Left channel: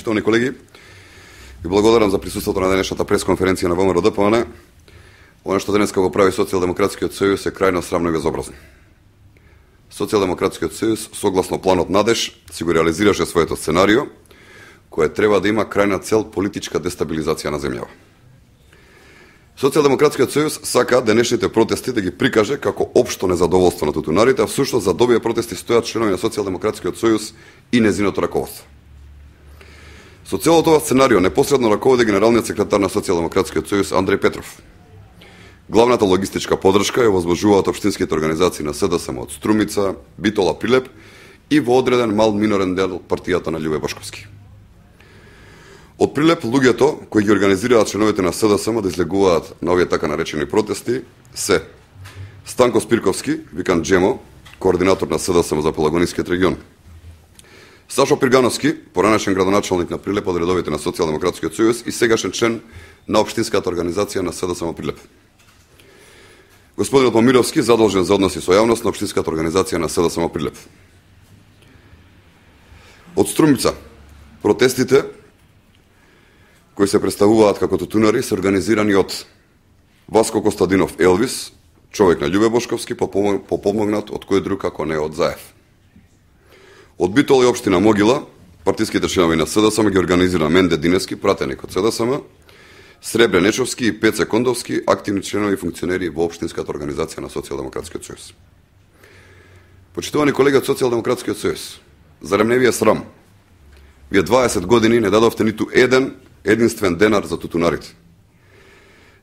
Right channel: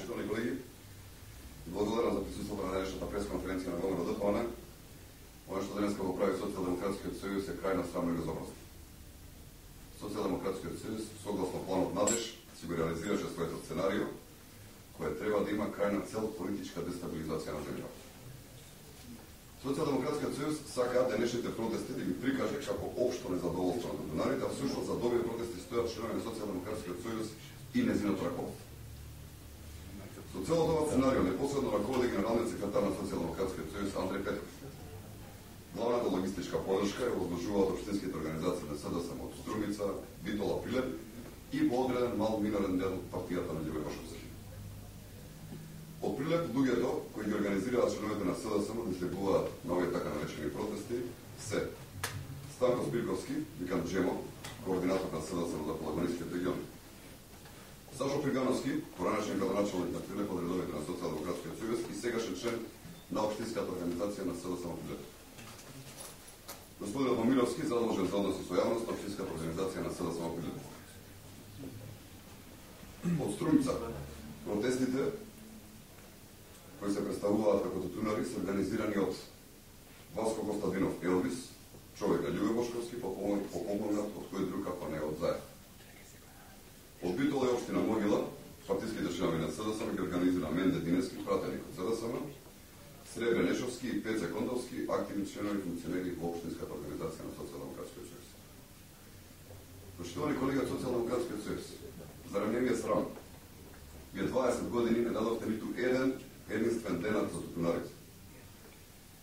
почитувани колеги, ви благодарам за присуството на денешната пресконференција на ВМРО-ДПМН. Оно што денеска го прави Социјалдемократскиот сојуз е крајно срамно и безобразно. Социјалдемократскиот сојуз, согласно планот Надеж, си го реализираше своето сценарио, кое треба да има крајна цел политичка дестабилизација на земјава. Социјалдемократскиот сојуз сака денешните протести да ги прикаже како општо незадоволство на тутунарите, а всушност за овие протести стојат членови на Социјалдемократскиот сојуз и незиното раководство. Со целото ова сценарио непосредно раководи генералниот секретар на Социјалдемократскиот сојуз Андреј Петров. Главната логистичка подршка ја возложуваат општинските организации на СДСМ од Струмица, Битола, Прилеп и во одреден мал минорен дел партијата на Љубе Бошковски. Од Прилеп луѓето кои ги организираат членовите на СДСМ да излегуваат на овие така наречени протести се Станко Спирковски, викан Джемо, координатор на СДСМ за Пелагонискиот регион. Сашо Пиргановски, поранешен градоначалник на Прилеп од редовите на Социјалдемократскиот сојуз и сегашен член на општинската организација на СДСМ Прилеп. Господинот Помировски, задолжен за односи со јавност на општинската организација на СДСМ Прилеп. Од Струмица, протестите кои се представуваат како тутунари се организирани од Васко Костадинов Елвис, човек на Љубе Бошковски, попомогнат од кој друг како не од Заев. Од Битола и општина Могила, партиските членови на СДСМ ги организира Менде Диневски, пратеник од СДСМ, Сребре Нечовски и Пеце Кондовски, активни членови и функционери во општинската организација на Социјалдемократскиот сојуз. Почитувани колеги од Социјалдемократскиот сојуз, зарем не ви е срам? Вие 20 години не дадовте ниту единствен денар за тутунарите.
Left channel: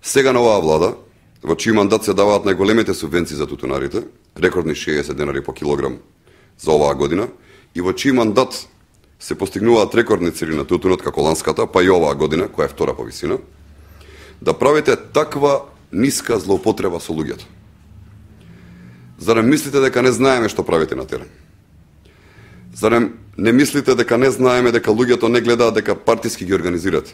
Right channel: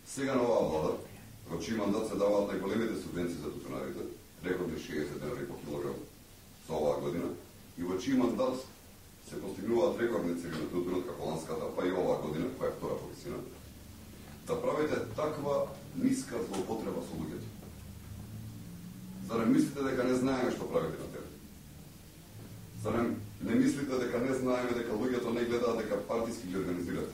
Сега на оваа влада, во чиј мандат се даваат најголемите субвенции за тутунарите, рекордни 60 денари по килограм за оваа година, и во чиј мандат се постигнуваат рекордни цели на тутунот како ланската, па и оваа година, која е втора по висина, да правите таква ниска злоупотреба со луѓето. Зарем мислите дека не знаеме што правите на терен? Зарем не мислите дека не знаеме дека луѓето не гледаат дека партиски ги организирате?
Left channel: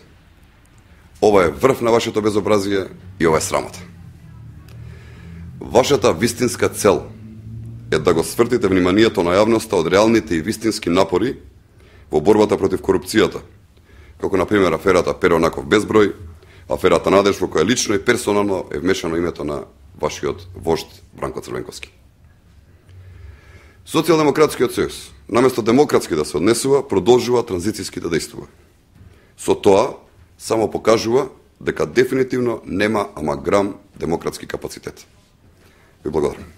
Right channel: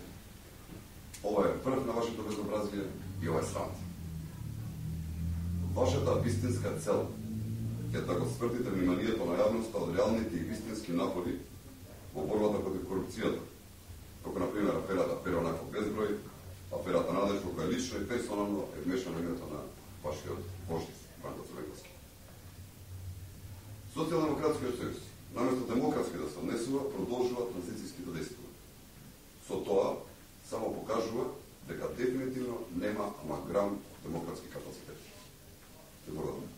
Ова е врв на вашето безобразие и ова е срамота. Вашата вистинска цел е да го свртите вниманието на јавноста од реалните и вистински напори во борбата против корупцијата, како на пример аферата Перонаков безброј, аферата Надеж во која лично и персонално е вмешано името на вашиот вожд Бранко Црвенковски. Социјалдемократскиот сојуз, наместо демократски да се однесува, продолжува транзицијски да действува. Со тоа само покажува дека дефинитивно нема ама грам демократски капацитет. Ви благодарам.